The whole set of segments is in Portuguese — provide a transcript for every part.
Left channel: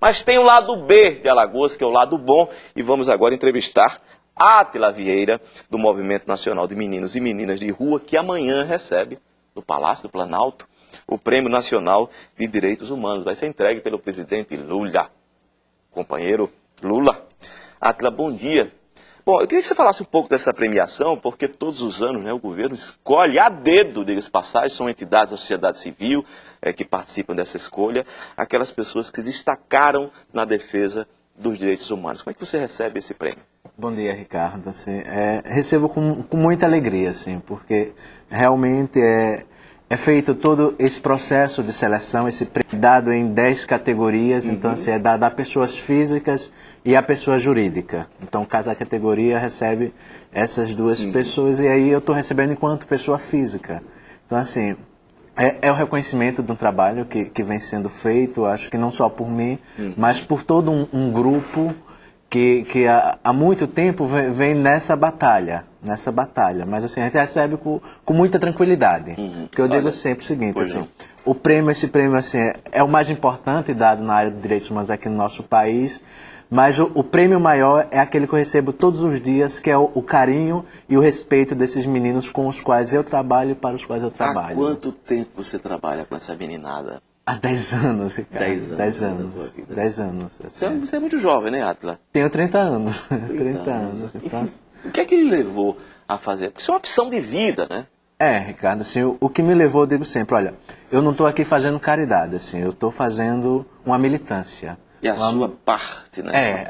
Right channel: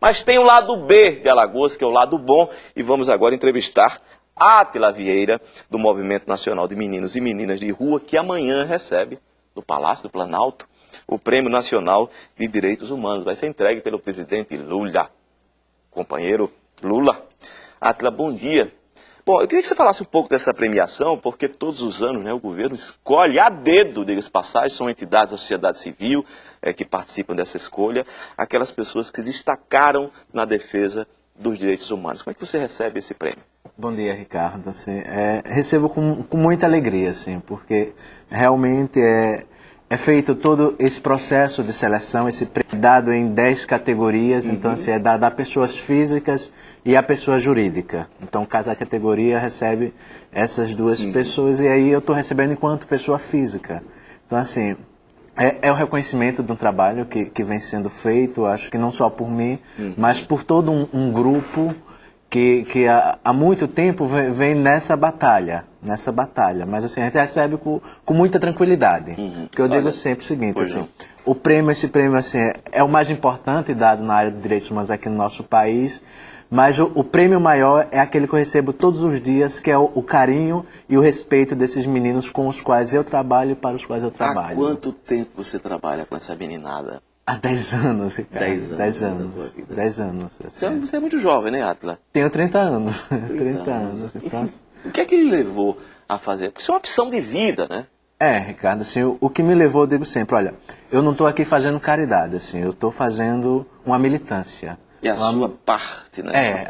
Mas tem o lado B de Alagoas, que é o lado bom, e vamos agora entrevistar Átila Vieira, do Movimento Nacional de Meninos e Meninas de Rua, que amanhã recebe, no Palácio do Planalto, o Prêmio Nacional de Direitos Humanos. Vai ser entregue pelo presidente Lula. Companheiro Lula. Átila, bom dia. Bom, eu queria que você falasse um pouco dessa premiação, porque todos os anos, né, o governo escolhe a dedo, diga-se passagem, são entidades da sociedade civil que participam dessa escolha, aquelas pessoas que destacaram na defesa dos direitos humanos. Como é que você recebe esse prêmio? Bom dia, Ricardo. Assim, recebo com muita alegria, assim, porque realmente é feito todo esse processo de seleção, esse prêmio dado em 10 categorias, então assim, é dado a pessoas físicas e a pessoa jurídica. Então cada categoria recebe essas duas pessoas e aí eu estou recebendo enquanto pessoa física. Então assim, é o reconhecimento de um trabalho que vem sendo feito, acho que não só por mim, mas por todo um grupo que há muito tempo vem nessa batalha, mas assim, a gente recebe com muita tranquilidade, porque eu digo sempre o seguinte, assim, esse prêmio assim, é o mais importante dado na área de direitos humanos aqui no nosso país, mas o prêmio maior é aquele que eu recebo todos os dias, que é o carinho e o respeito desses meninos com os quais eu trabalho e para os quais eu trabalho. Há quanto tempo você trabalha com essa meninada? Há 10 anos, Ricardo. 10 anos. 10 anos. Assim. Você é muito jovem, né, Átila? Tenho 30 anos. 30 anos. Então... O que é que lhe levou a fazer? Porque isso é uma opção de vida, né? Ricardo, assim, o que me levou, eu digo sempre, olha, eu não estou aqui fazendo caridade, assim, eu estou fazendo uma militância. E a sua parte, né?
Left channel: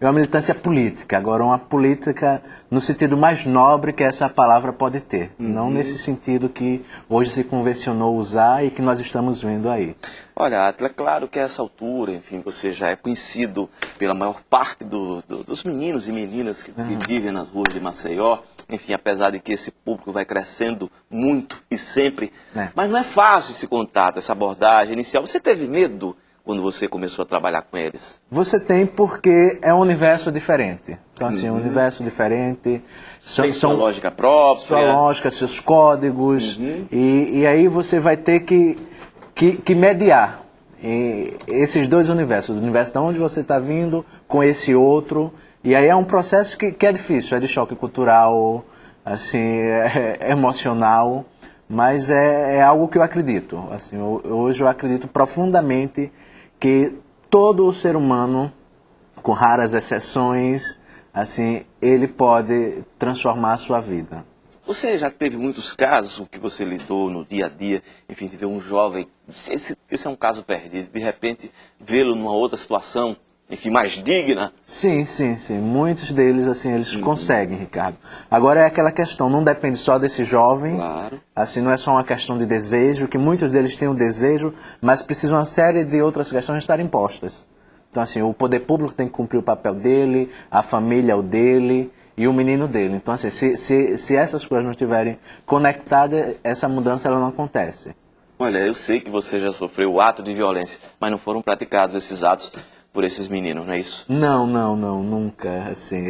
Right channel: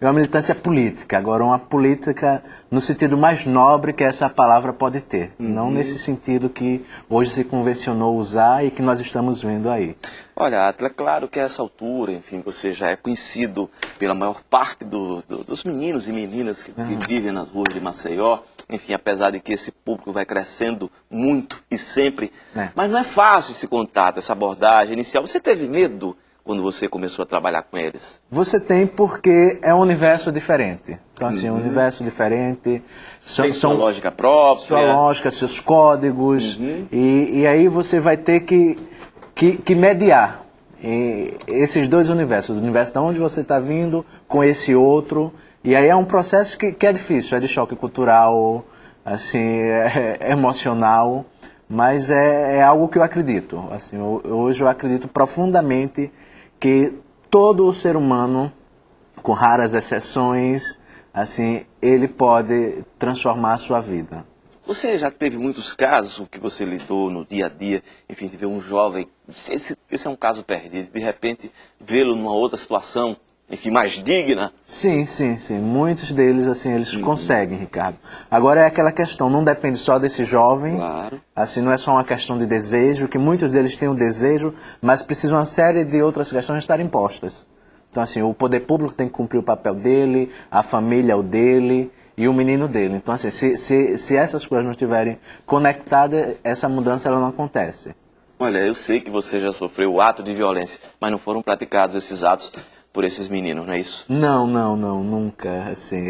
Uma militância política. Agora, uma política no sentido mais nobre que essa palavra pode ter. Não nesse sentido que hoje se convencionou usar e que nós estamos vendo aí. Olha, Átila, claro que a essa altura, enfim, você já é conhecido pela maior parte dos meninos e meninas que vivem nas ruas de Maceió. Enfim, apesar de que esse público vai crescendo muito e sempre. Mas não é fácil esse contato, essa abordagem inicial. Você teve medo quando você começou a trabalhar com eles? Você tem, porque é um universo diferente. Então, assim, um universo diferente. Tem sua lógica própria. Sua lógica, seus códigos. E aí você vai ter que mediar esses dois universos. O universo de onde você está vindo com esse outro. E aí é um processo que é difícil. É de choque cultural, assim, é emocional. Mas é algo que eu acredito. Assim, hoje eu acredito profundamente que todo ser humano, com raras exceções, assim, ele pode transformar a sua vida. Você já teve muitos casos que você lidou no dia a dia, enfim, de ver um jovem, esse é um caso perdido, de repente vê-lo numa outra situação, enfim, mais digna? Sim. Muitos deles, assim, eles conseguem, Ricardo. Agora é aquela questão, não depende só desse jovem, claro. Assim, não é só uma questão de desejo, que muitos deles têm o desejo, mas precisam uma série de outras questões estarem postas. Então, assim, o poder público tem que cumprir o papel dele, a família o dele e o menino dele. Então, assim, se essas coisas não estiverem conectadas, essa mudança ela não acontece. Olha, eu sei que você já sofreu ato de violência, mas não foram praticados esses atos por esses meninos, não é isso? Não, nunca. Assim,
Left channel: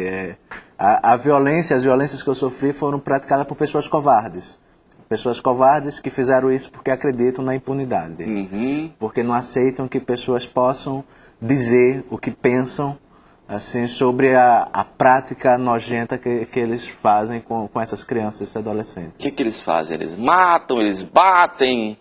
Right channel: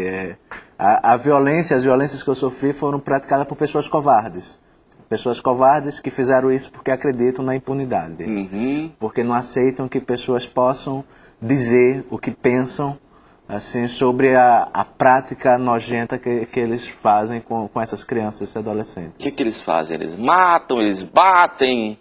as violências que eu sofri foram praticadas por pessoas covardes. Pessoas covardes que fizeram isso porque acreditam na impunidade. Porque não aceitam que pessoas possam dizer o que pensam assim, sobre a prática nojenta que eles fazem com essas crianças e adolescentes. O que eles fazem? Eles matam, eles batem?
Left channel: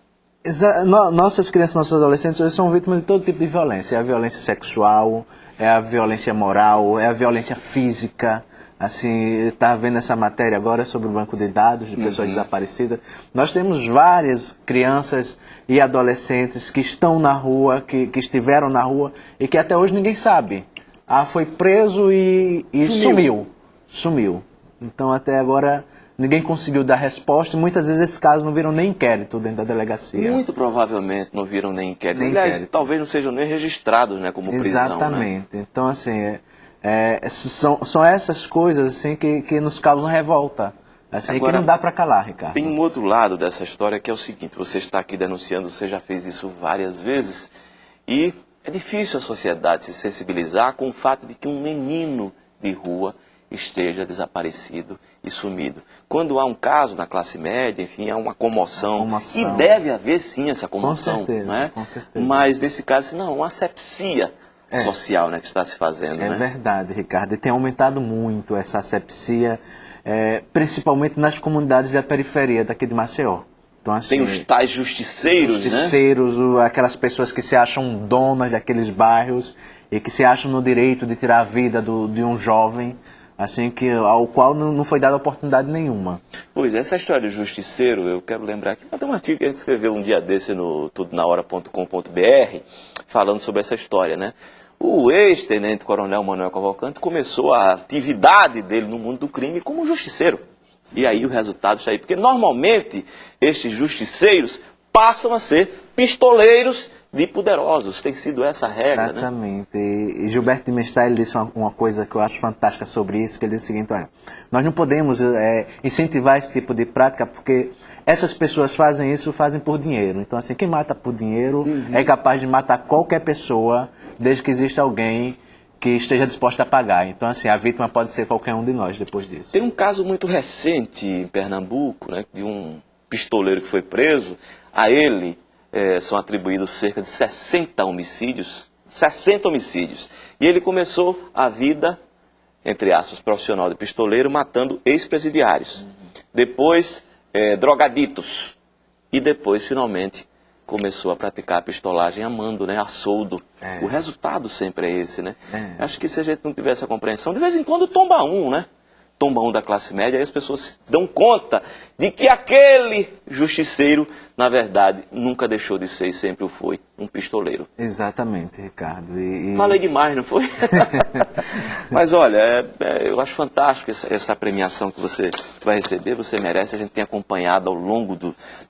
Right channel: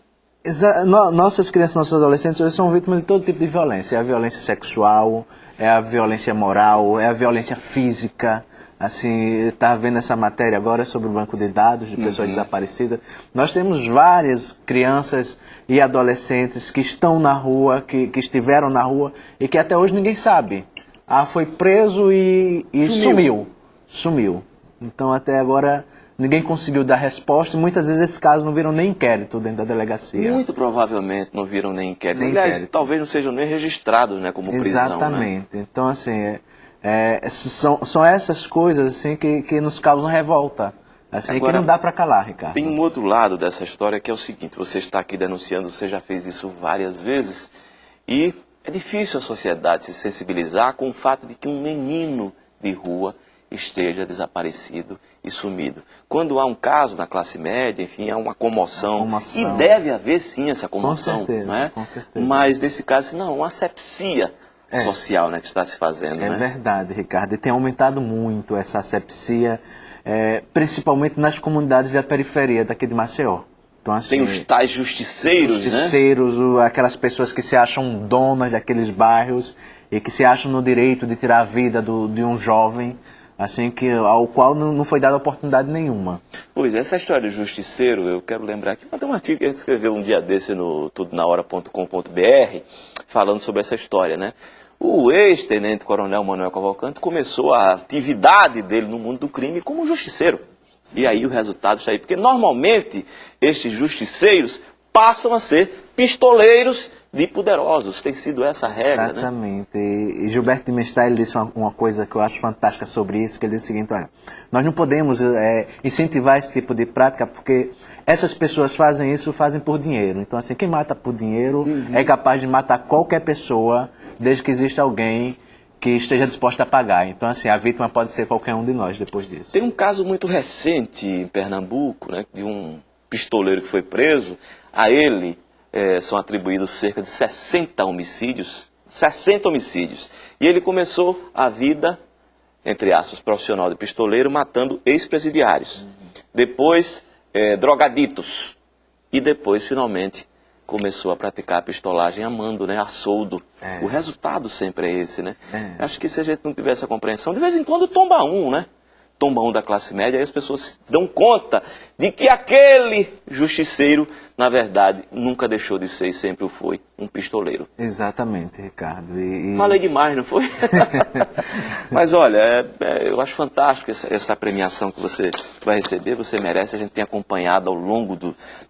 Nossas crianças e nossos adolescentes hoje são vítimas de todo tipo de violência. É a violência sexual, é a violência moral, é a violência física. Assim, está vendo essa matéria agora sobre o banco de dados de pessoas desaparecidas. Nós temos várias crianças e adolescentes que estão na rua, que estiveram na rua e que até hoje ninguém sabe. Foi preso e sumiu. Então até agora ninguém conseguiu dar resposta e muitas vezes esses casos não viram nem inquérito dentro da delegacia. Muito provavelmente não viram nem inquérito. Aliás, talvez não sejam nem registrados, né, como prisão. Exatamente. Né? Então, assim, são essas coisas assim, que nos causam revolta. Assim, agora, que não dá para calar, Ricardo. Tem um outro lado dessa história que é o seguinte: você está aqui denunciando, você já fez isso várias vezes, e é difícil a sociedade se sensibilizar com o fato de que um menino de rua esteja desaparecido e sumido. Quando há um caso na classe média, enfim, há uma comoção. Comoção. E deve haver sim essa comoção. Com certeza, né? com certeza. Mas nesse caso, não, uma asepsia social, né, que está se fazendo. É né? verdade, Ricardo. E tem aumentado muito essa asepsia, principalmente nas comunidades da periferia daqui de Maceió. Então, assim, Tem os tais justiceiros, né? Aquelas pessoas que se acham donas daqueles bairros e que se acham no direito de tirar a vida de um jovem, assim, ao qual não foi dada oportunidade nenhuma. Pois, essa história de justiceiro, eu quero lembrar que tem um artigo que a gente escreveu um dia desse no tudonahora.com.br, falando sobre essa história, né? O ex-tenente-coronel Manuel Cavalcante começou a atividade dele no mundo do crime como justiceiro. E aí o resultado está aí. Porque normalmente estes justiceiros passam a ser pistoleiros de poderosos. Tem sido essa a regra, né? Exatamente. E Gilberto de Mestre disse uma coisa que eu acho fantástica sobre isso, que ele disse o seguinte: olha, nós não podemos incentivar esse tipo de prática porque essas pessoas fazem isso, fazem por dinheiro. Então, assim, quem mata por dinheiro é capaz de matar qualquer pessoa, desde que exista alguém que esteja disposto a pagar. Então, assim, a vítima pode ser qualquer um de nós depois disso. Tem um caso muito recente em Pernambuco, né, de um pistoleiro que foi preso. A ele são atribuídos cerca de 60 homicídios. 60 homicídios. E ele começou a vida, entre aspas, profissional de pistoleiro, matando ex-presidiários. Depois, drogaditos. E depois, finalmente, começou a praticar a pistolagem amando, né, a soldo. O resultado sempre é esse, né? Acho que se a gente não tiver essa compreensão, de vez em quando tomba um, né? Tomba um da classe média, aí as pessoas dão conta de que aquele justiceiro, na verdade, nunca deixou de ser e sempre o foi, um pistoleiro. Exatamente, Ricardo. Falei demais, não foi? Mas olha, eu acho fantástico essa premiação que você vai receber, você merece. A gente tem acompanhado ao longo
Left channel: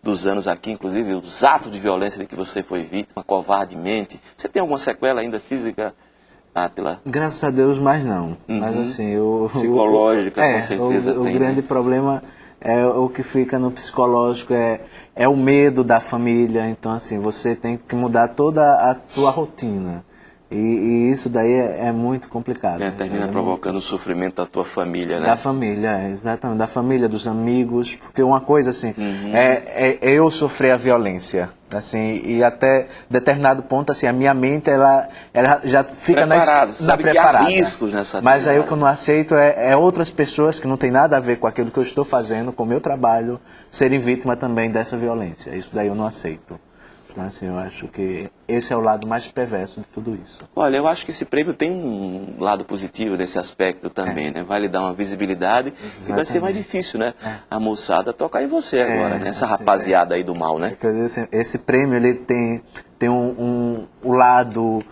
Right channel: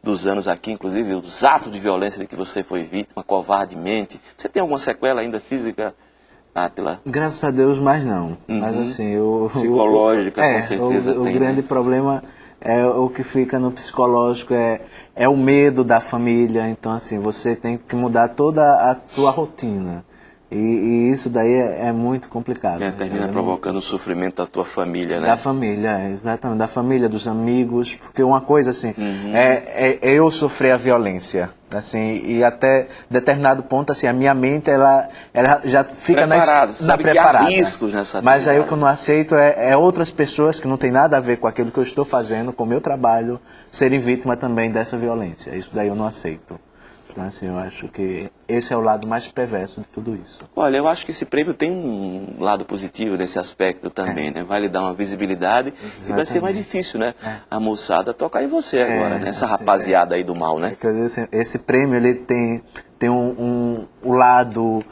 dos anos aqui, inclusive, os atos de violência de que você foi vítima, covardemente. Você tem alguma sequela ainda física, Átila? Graças a Deus, mas não. Mas assim, psicológica, com certeza o tem, grande né? problema é o que fica no psicológico, é o medo da família. Então, assim, você tem que mudar toda a tua rotina. E isso daí é muito complicado. Termina provocando o sofrimento da tua família, né? Da família, exatamente. Da família, dos amigos. Porque uma coisa, assim, é eu sofrer a violência. Assim, e até determinado ponto, assim, a minha mente, ela já fica sabe preparada. Que há riscos nessa Mas vida, aí o que eu não aceito é outras pessoas que não tem nada a ver com aquilo que eu estou fazendo, com o meu trabalho, serem vítimas também dessa violência. Isso daí eu não aceito. Então, assim, eu acho que esse é o lado mais perverso de tudo isso. Olha, eu acho que esse prêmio tem um lado positivo nesse aspecto também, né? Vai lhe dar uma visibilidade. E vai ser mais difícil, né? A moçada tocar em você agora, né? Essa rapaziada aí do mal, né? Esse prêmio, ele tem um lado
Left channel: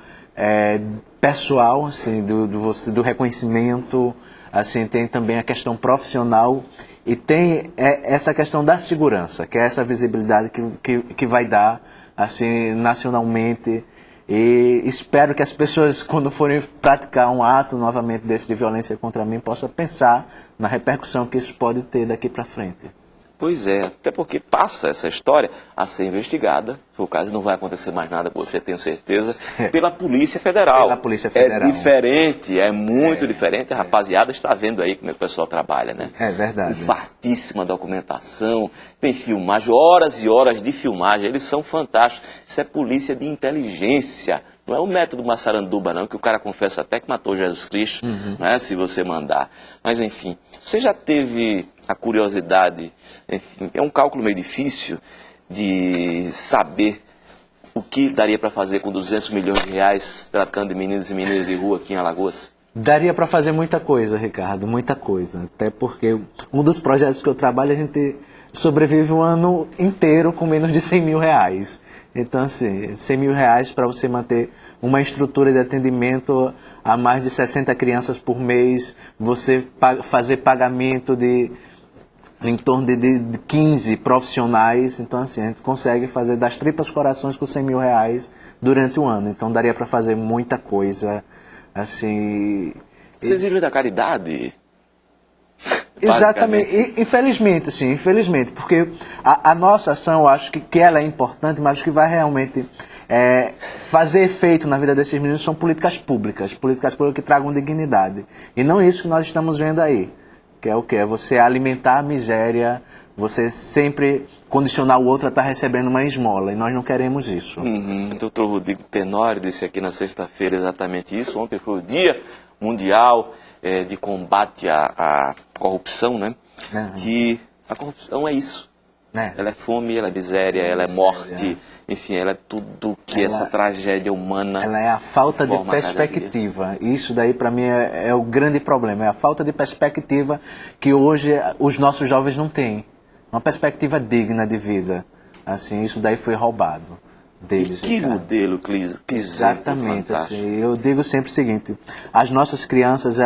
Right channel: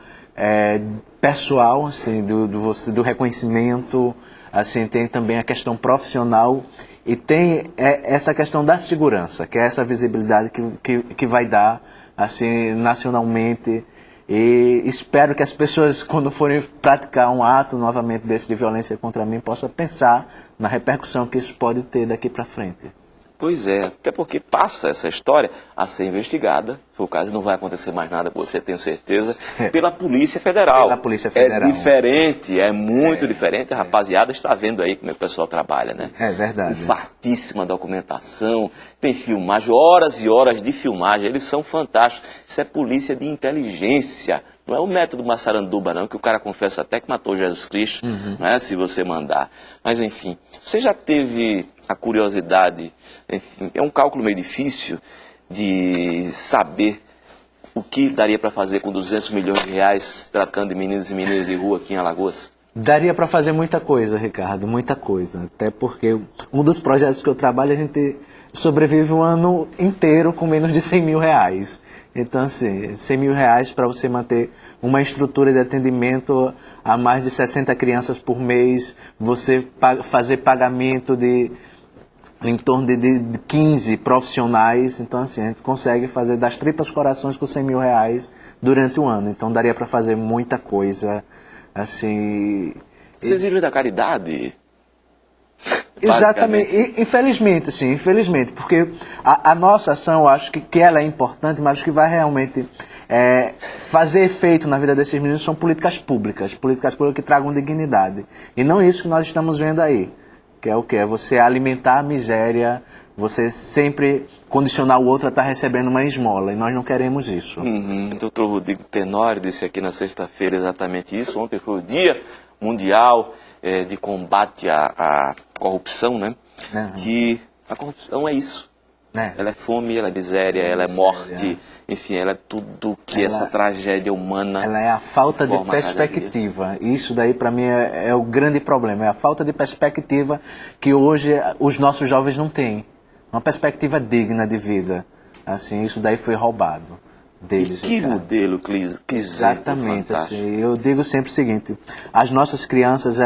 pessoal, assim, do reconhecimento, assim, tem também a questão profissional e tem essa questão da segurança, que é essa visibilidade que vai dar, assim, nacionalmente. E espero que as pessoas, quando forem praticar um ato novamente desse de violência contra mim, possam pensar na repercussão que isso pode ter daqui para frente. Pois é, até porque passa essa história a ser investigada, se for o caso, não vai acontecer mais nada com você, tenho certeza, pela Polícia Federal. Pela Polícia Federal. É diferente, é muito diferente, a rapaziada está vendo aí como é que o pessoal trabalha, né? É verdade. Fartíssima documentação, tem filmagem, horas e horas de filmagem, eles são fantásticos. Isso é polícia de inteligência. Não é o método Massaranduba, não, que o cara confessa até que matou Jesus Cristo, né, se você mandar. Mas, enfim, você já teve a curiosidade, enfim, é um cálculo meio difícil de saber o que daria para fazer com 200 milhões de reais tratando de meninos e meninas de rua aqui em Alagoas? Daria para fazer muita coisa, Ricardo, muita coisa. Até porque um dos projetos que eu trabalho, a gente sobrevive um ano inteiro com menos de 100 mil reais. Então, assim, 100 mil reais para você manter uma estrutura de atendimento a mais de 60 crianças por mês, você fazer pagamento em torno de 15 profissionais. Então, assim, a gente consegue fazer das tripas corações com 100 mil reais durante um ano. Então, daria para fazer muita coisa, assim... Vocês vivem da caridade? Exatamente, infelizmente, sim, infelizmente, porque a nossa ação, eu acho que ela é importante, mas o que vai realmente fazer efeito na vida desses meninos são políticas públicas que tragam dignidade. E não isso que nós estamos vendo aí. que é o que? É você alimentar a miséria, você sempre condicionar o outro a estar recebendo uma esmola, e nós não queremos isso. Doutor Rodrigo Tenório disse aqui na sexta-feira exatamente isso. Ontem foi o Dia Mundial de Combate à Corrupção, né? Que a corrupção é isso. Ela é fome, ela é miséria, ela é morte, enfim, ela é tudo que essa tragédia humana... Ela é a falta de perspectiva. Isso daí, para mim, é o grande problema. É a falta de perspectiva que hoje os nossos jovens não têm. Uma perspectiva digna de vida. Assim, isso daí foi roubado deles. Que modelo, Clis? Exatamente. Assim, eu digo sempre o seguinte, as nossas crianças,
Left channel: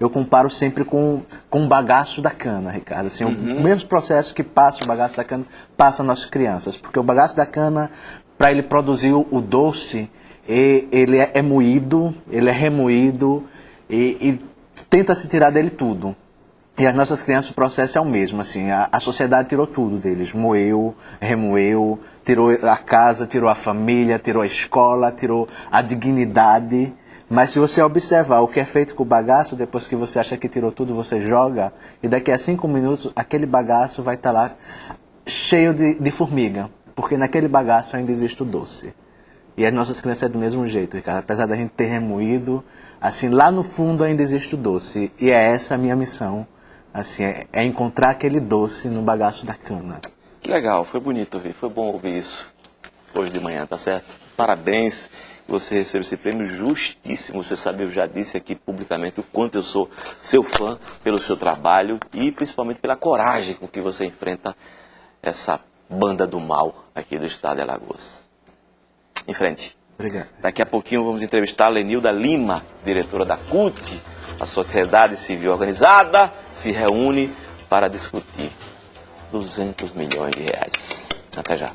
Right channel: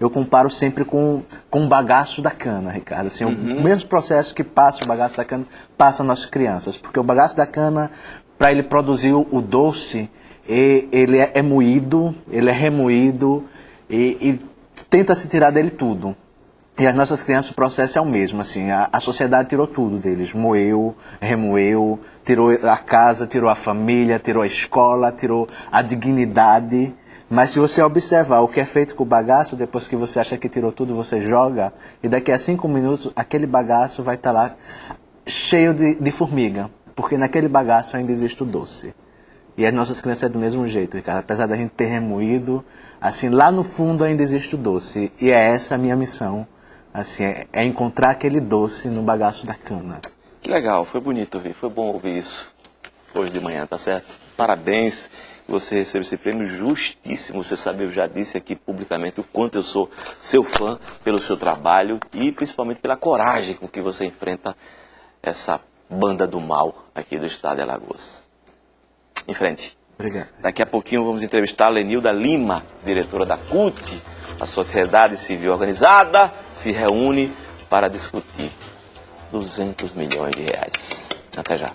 eu comparo sempre com o bagaço da cana, Ricardo. Assim, o mesmo processo que passa o bagaço da cana, passa as nossas crianças. Porque o bagaço da cana, para ele produzir o doce, ele é moído, ele é remoído e tenta se tirar dele tudo. E as nossas crianças, o processo é o mesmo, assim, a sociedade tirou tudo deles, moeu, remoeu, tirou a casa, tirou a família, tirou a escola, tirou a dignidade. Mas se você observar o que é feito com o bagaço, depois que você acha que tirou tudo, você joga, e daqui a 5 minutos aquele bagaço vai estar lá cheio de formiga, porque naquele bagaço ainda existe o doce. E as nossas crianças é do mesmo jeito, Ricardo, apesar da gente ter remoído, assim, lá no fundo ainda existe o doce, e é essa a minha missão. Assim, é encontrar aquele doce no bagaço da cana. Que legal, foi bonito ouvir, foi bom ouvir isso hoje de manhã, tá certo? Parabéns, você recebeu esse prêmio justíssimo, você sabe, eu já disse aqui publicamente o quanto eu sou seu fã pelo seu trabalho e principalmente pela coragem com que você enfrenta essa banda do mal aqui do estado de Alagoas. Em frente. Obrigado. Daqui a pouquinho vamos entrevistar a Lenilda Lima, diretora da CUT. A sociedade civil organizada se reúne para discutir 200 milhões de reais. Até já.